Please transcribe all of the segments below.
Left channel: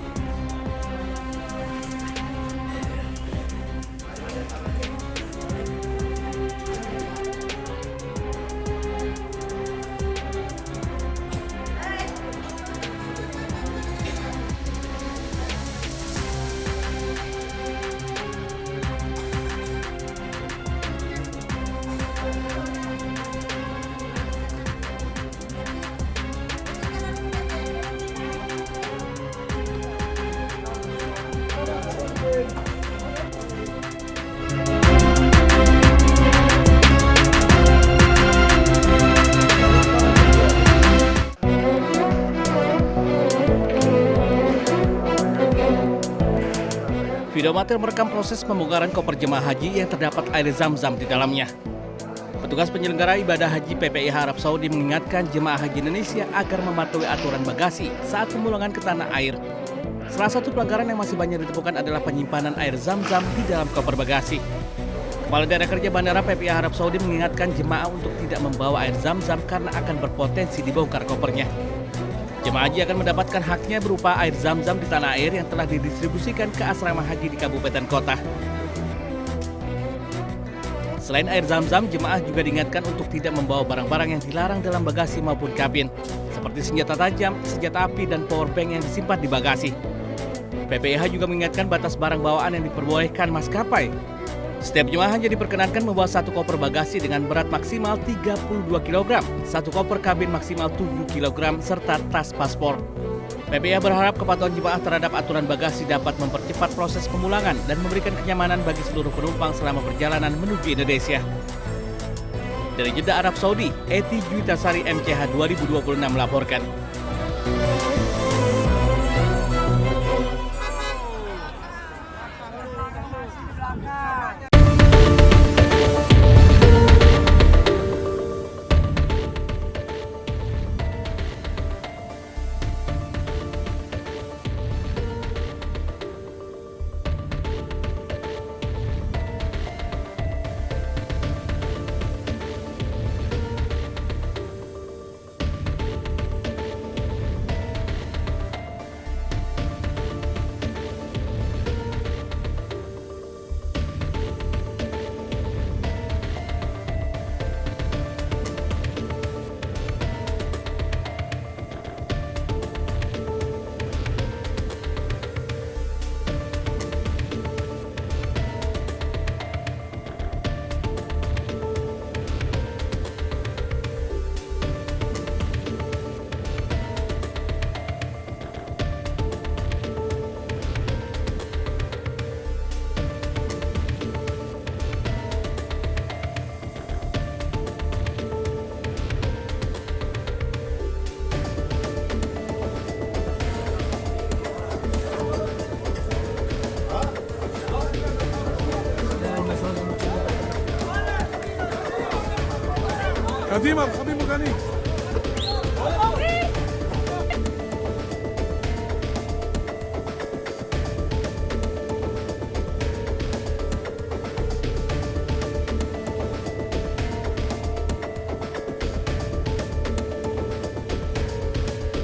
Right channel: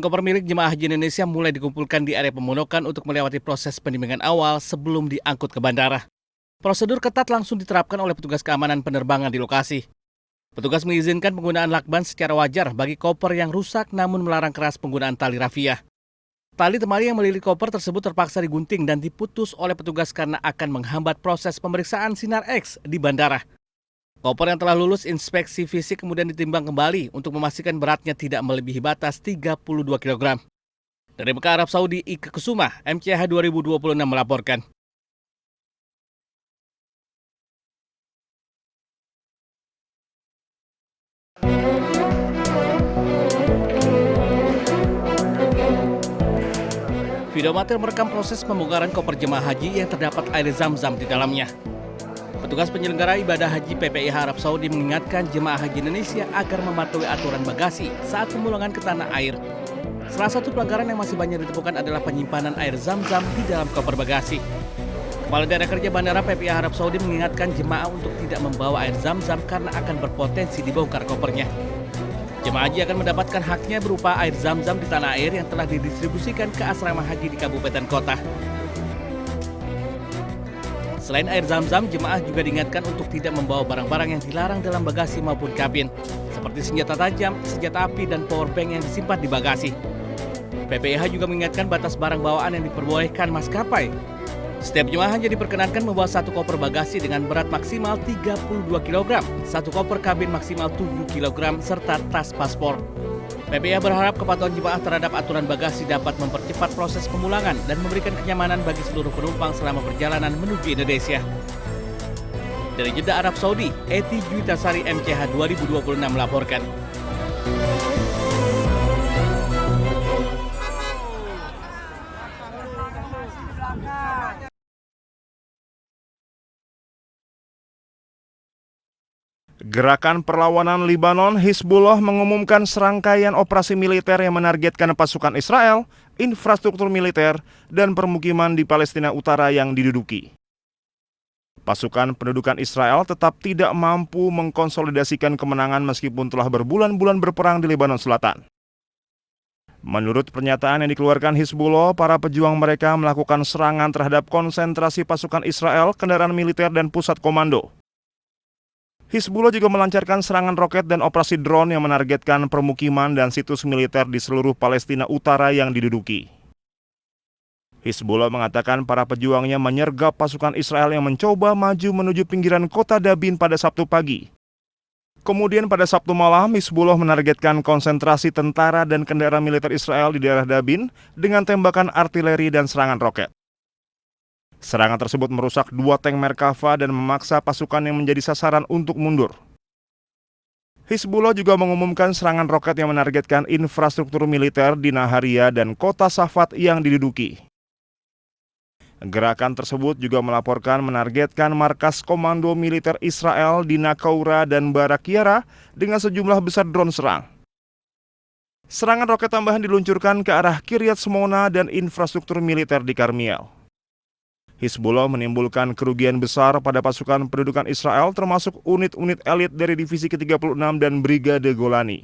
Ratusan koper milik jemaah haji Indonesia mulai dikumpulkan di area pemundokan untuk melewati proses penimbangan awal sebelum diangkut ke bandara. Prosedur ketat langsung diterapkan oleh petugas keamanan penerbangan di lokasi. Petugas mengizinkan penggunaan lakban secara wajar bagi koper yang rusak namun melarang keras penggunaan tali rafia. Tali temali yang melilit koper tersebut terpaksa digunting dan diputus oleh petugas karena akan menghambat proses pemeriksaan sinar X di bandara. Koper yang telah lulus inspeksi fisik kemudian ditimbang kembali untuk memastikan beratnya tidak melebihi batas 32 kg. Dari Mekah, Arab Saudi, Ika Kusuma, MCH 2026 melaporkan. Video amatir merekam proses pembongkaran koper jemaah haji yang terdapat air zam-zam di dalamnya. Petugas penyelenggara ibadah haji PPIH Arab Saudi mengingatkan jemaah haji Indonesia agar mematuhi aturan bagasi saat pemulangan ke tanah air. Salah satu pelanggaran yang masih banyak ditemukan adalah penyimpanan air zam-zam di dalam koper bagasi. Kepala Daerah Kerja Bandara PPIH Arab Saudi mengingatkan jemaah untuk tidak membawa air zam-zam karena akan berpotensi dibongkar kopernya. Jemaah haji akan mendapatkan haknya berupa air zam-zam di tanah air yang telah didistribusikan ke asrama haji di kabupaten kota. Selain air zam-zam, jemaah juga diingatkan untuk tidak membawa barang-barang yang dilarang dalam bagasi maupun kabin, seperti senjata tajam, senjata api, dan powerbank yang disimpan di bagasi. PPIH juga mengingatkan batas barang bawaan yang diperbolehkan maskapai. Setiap jemaah hanya diperkenankan membawa satu koper bagasi dengan berat maksimal 32 kg, satu koper kabin maksimal 7 kg, serta tas paspor. PPIH berharap kepatuhan jemaah terhadap aturan bagasi dapat mempercepat proses pemulangan dan memberikan kenyamanan bagi seluruh penumpang selama perjalanan menuju Indonesia. Dari Jeddah, Arab Saudi, Eti Juitasari, MCH 2026 melaporkan. Gerakan Perlawanan Libanon Hizbullah mengumumkan serangkaian operasi militer yang menargetkan pasukan Israel, infrastruktur militer, dan permukiman di Palestina Utara yang diduduki. Pasukan pendudukan Israel tetap tidak mampu mengkonsolidasikan kemenangan meskipun telah berbulan-bulan berperang di Lebanon Selatan. Menurut pernyataan yang dikeluarkan Hizbullah, para pejuang mereka melakukan serangan terhadap konsentrasi pasukan Israel, kendaraan militer, dan pusat komando. Hizbullah juga melancarkan serangan roket dan operasi drone yang menargetkan permukiman dan situs militer di seluruh Palestina Utara yang diduduki. Hizbullah mengatakan para pejuangnya menyergap pasukan Israel yang mencoba maju menuju pinggiran kota Dabin pada Sabtu pagi. Kemudian pada Sabtu malam, Hizbullah menargetkan konsentrasi tentara dan kendaraan militer Israel di daerah Dabin dengan tembakan artileri dan serangan roket. Serangan tersebut merusak 2 tank Merkava dan memaksa pasukan yang menjadi sasaran untuk mundur. Hizbullah juga mengumumkan serangan roket yang menargetkan infrastruktur militer di Naharia dan kota Safat yang diduduki. Gerakan tersebut juga melaporkan menargetkan markas komando militer Israel di Naqoura dan Barak Yara dengan sejumlah besar drone serang. Serangan roket tambahan diluncurkan ke arah Kiryat Shmona dan infrastruktur militer di Karmiel. Hizbullah menimbulkan kerugian besar pada pasukan pendudukan Israel termasuk unit-unit elit dari Divisi ke-36 dan Brigade Golani.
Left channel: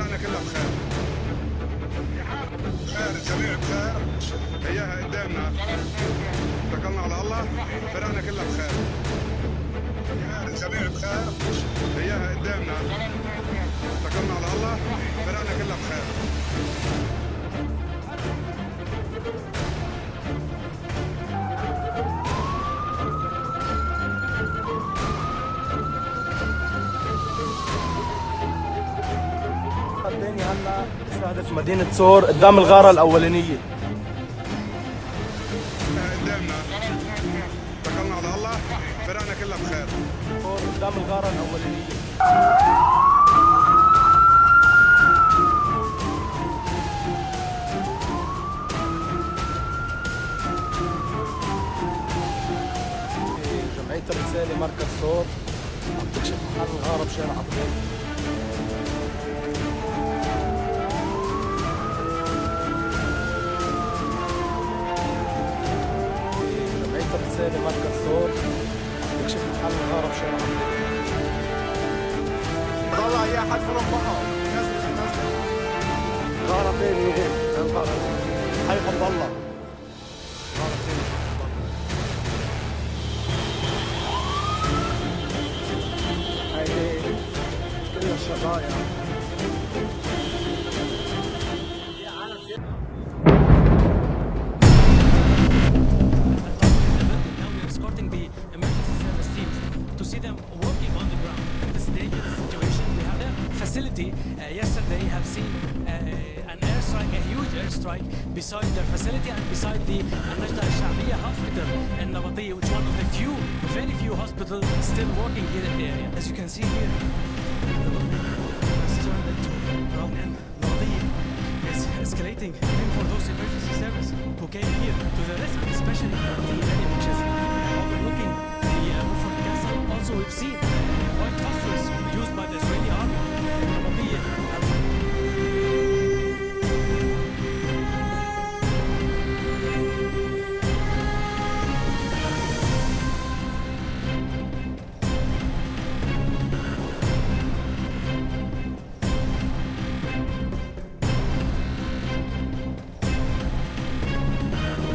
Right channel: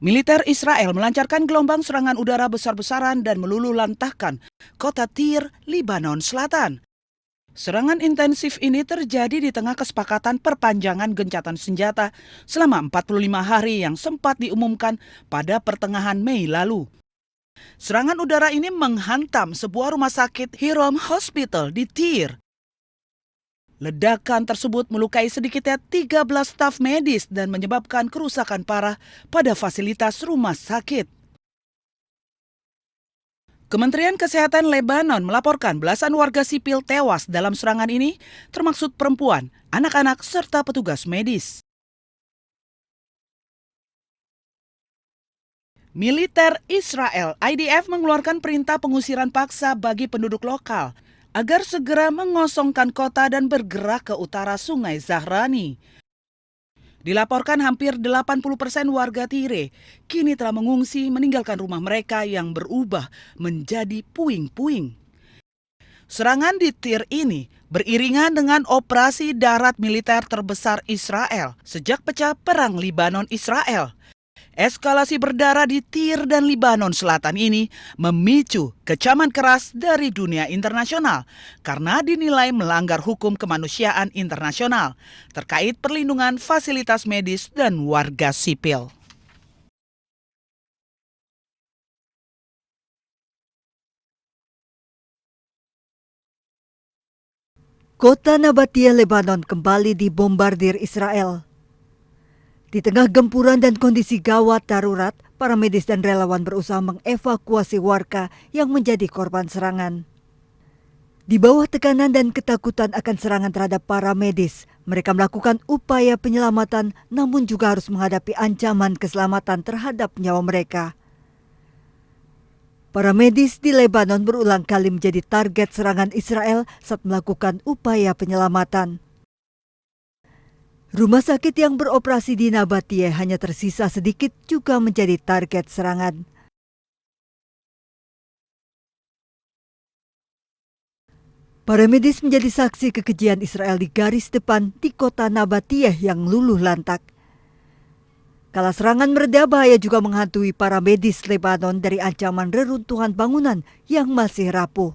Militer Israel melancarkan gelombang serangan udara besar-besaran dan meluluhlantahkan kota Tyre, Lebanon Selatan. Serangan intensif ini terjadi di tengah kesepakatan perpanjangan gencatan senjata selama 45 hari yang sempat diumumkan pada pertengahan Mei lalu. Serangan udara ini menghantam sebuah rumah sakit Hiram Hospital di Tyre. Ledakan tersebut melukai sedikitnya 13 staf medis dan menyebabkan kerusakan parah pada fasilitas rumah sakit. Kementerian Kesehatan Lebanon melaporkan belasan warga sipil tewas dalam serangan ini, termasuk perempuan, anak-anak, serta petugas medis. Militer Israel, IDF, mengeluarkan perintah pengusiran paksa bagi penduduk lokal agar segera mengosongkan kota dan bergerak ke utara Sungai Zahrani. Dilaporkan hampir 80% warga Tyre kini telah mengungsi meninggalkan rumah mereka yang berubah menjadi puing-puing. Serangan di Tir ini beriringan dengan operasi darat militer terbesar Israel sejak pecah perang Libanon-Israel. Eskalasi berdarah di Tir dan Libanon Selatan ini memicu kecaman keras dari dunia internasional karena dinilai melanggar hukum kemanusiaan internasional terkait perlindungan fasilitas medis dan warga sipil. Kota Nabatia, Lebanon kembali dibombardir Israel. Di tengah gempuran dan kondisi gawat darurat, para medis dan relawan berusaha mengevakuasi warga yang menjadi korban serangan. Di bawah tekanan dan ketakutan akan serangan terhadap para medis, mereka melakukan upaya penyelamatan namun juga harus menghadapi ancaman keselamatan terhadap nyawa mereka. Para medis di Lebanon berulang kali menjadi target serangan Israel saat melakukan upaya penyelamatan. Rumah sakit yang beroperasi di Nabatia hanya tersisa sedikit juga menjadi target serangan. Para medis menjadi saksi kekejian Israel di garis depan di kota Nabatia yang luluh lantak. Kala serangan mereda, bahaya juga menghantui para medis Lebanon dari ancaman reruntuhan bangunan yang masih rapuh.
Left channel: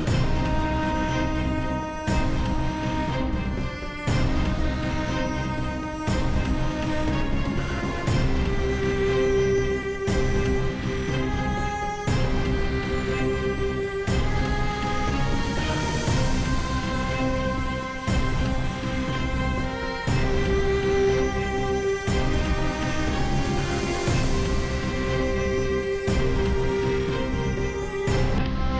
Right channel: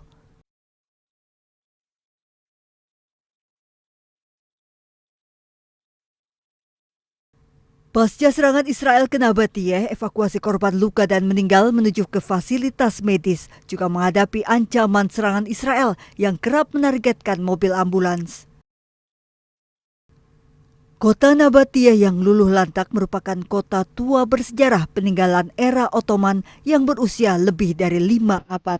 Pasca serangan Israel ke Nabatia, evakuasi korban luka dan meninggal menuju ke fasilitas medis juga menghadapi ancaman serangan Israel yang kerap menargetkan mobil ambulans. Kota Nabatia yang luluh lantak merupakan kota tua bersejarah peninggalan era Ottoman yang berusia lebih dari 5 abad.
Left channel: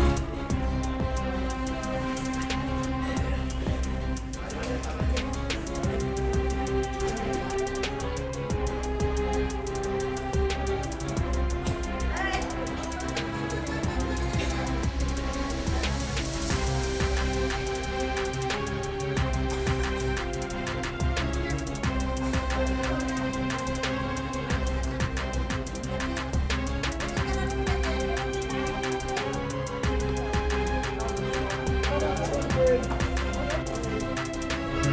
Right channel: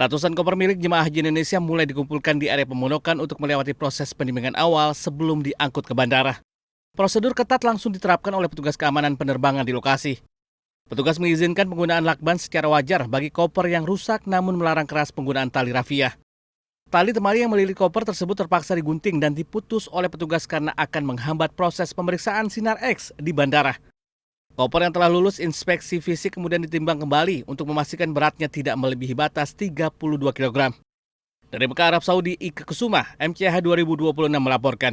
Ratusan koper milik jemaah haji Indonesia mulai dikumpulkan di area pemondokan untuk melewati proses penimbangan awal sebelum diangkut ke bandara. Prosedur ketat langsung diterapkan oleh petugas keamanan penerbangan di lokasi. Petugas mengizinkan penggunaan lakban secara wajar bagi koper yang rusak namun melarang keras penggunaan tali rafia. Tali temali yang melilit koper tersebut terpaksa digunting dan diputus oleh petugas karena akan menghambat proses pemeriksaan sinar X di bandara. Koper yang telah lulus inspeksi fisik kemudian ditimbang kembali untuk memastikan beratnya tidak melebihi batas 32 kg. Dari Mekah, Arab Saudi, Ika Kusuma, MCH 2026 melaporkan.